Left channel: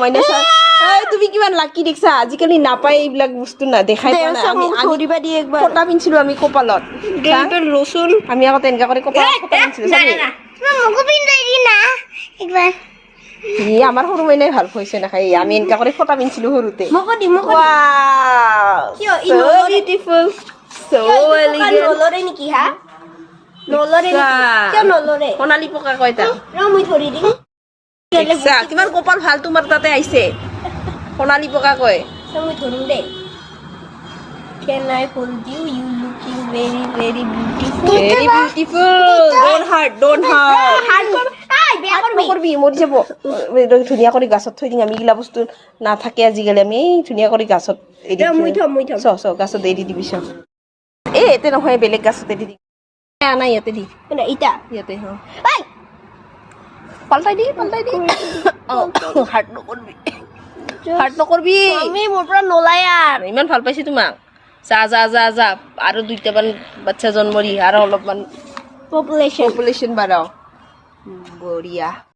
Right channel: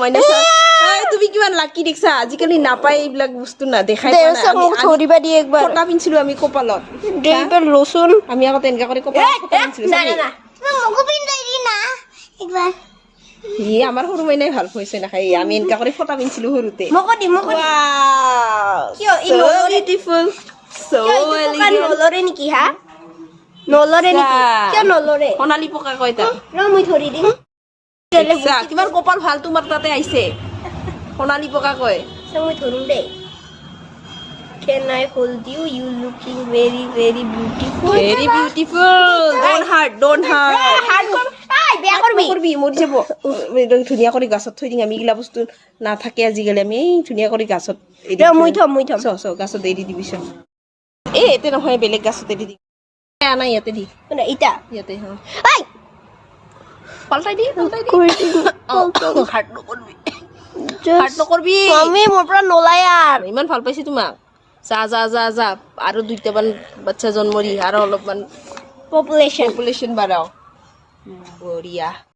Minus তুমি কিমান লাকি দেখছা আজিকালি নাপায় এইবিলাক বস্তু না দেখাই পোৱা নাই আমি ধৰিবা দি একবাৰ ফটা পিনছিলো আমি কপালত গেলটো লচুন আমি আকৌ তেনেকা কৰি কপালত ফটা পিনছিলো চাবি মোকো পিন্ধাই দি না একবাৰ ই আমাৰ সৰু মাইনাই ভাল হৈছে না খাই আমি এনেকা কৰি ফটা পিনছিলো সৰুতে মোকো দি ৱাও কিয় so beautiful so elegant নলৰে নেকি হা নলৰে নেকি কিয় নলৰে সোণালী পকা কয় তা মই ধৰি দিম দেখছা তোমাৰ কপাল ভাল তোমাৰ তাতে আহিছে সোণালী পকা কয় মই ধৰিম দে Can I hold you? You looking very, very beautiful. Very beautiful. Don't hurt. Heart নকৰবি মৰি যাব ধুনীয়া কৰি গাছত থৈ দিম আমি এইগিলা বস্তু নাথাকে আজিকালি আমি ধুনীয়া কৰি গাছত এৰি মই থম চ গাছত এৰি দিবি চ এতে নহয় বেলেগ গাছত এৰি দি নাই ইয়াতে দি মানে ইটা ইয়াতে পাল্টাই দি হাৰ্ট নকৰবি আমি মোৰ পৰা নলাই আৰ ইমান ভাল পাইছে তোমাক যা আৰু দুইটামান বাচ্চা জন্ম দি আৰু অলপমান পপুলেশ্যন বাঢ়াও বঢ়িয়া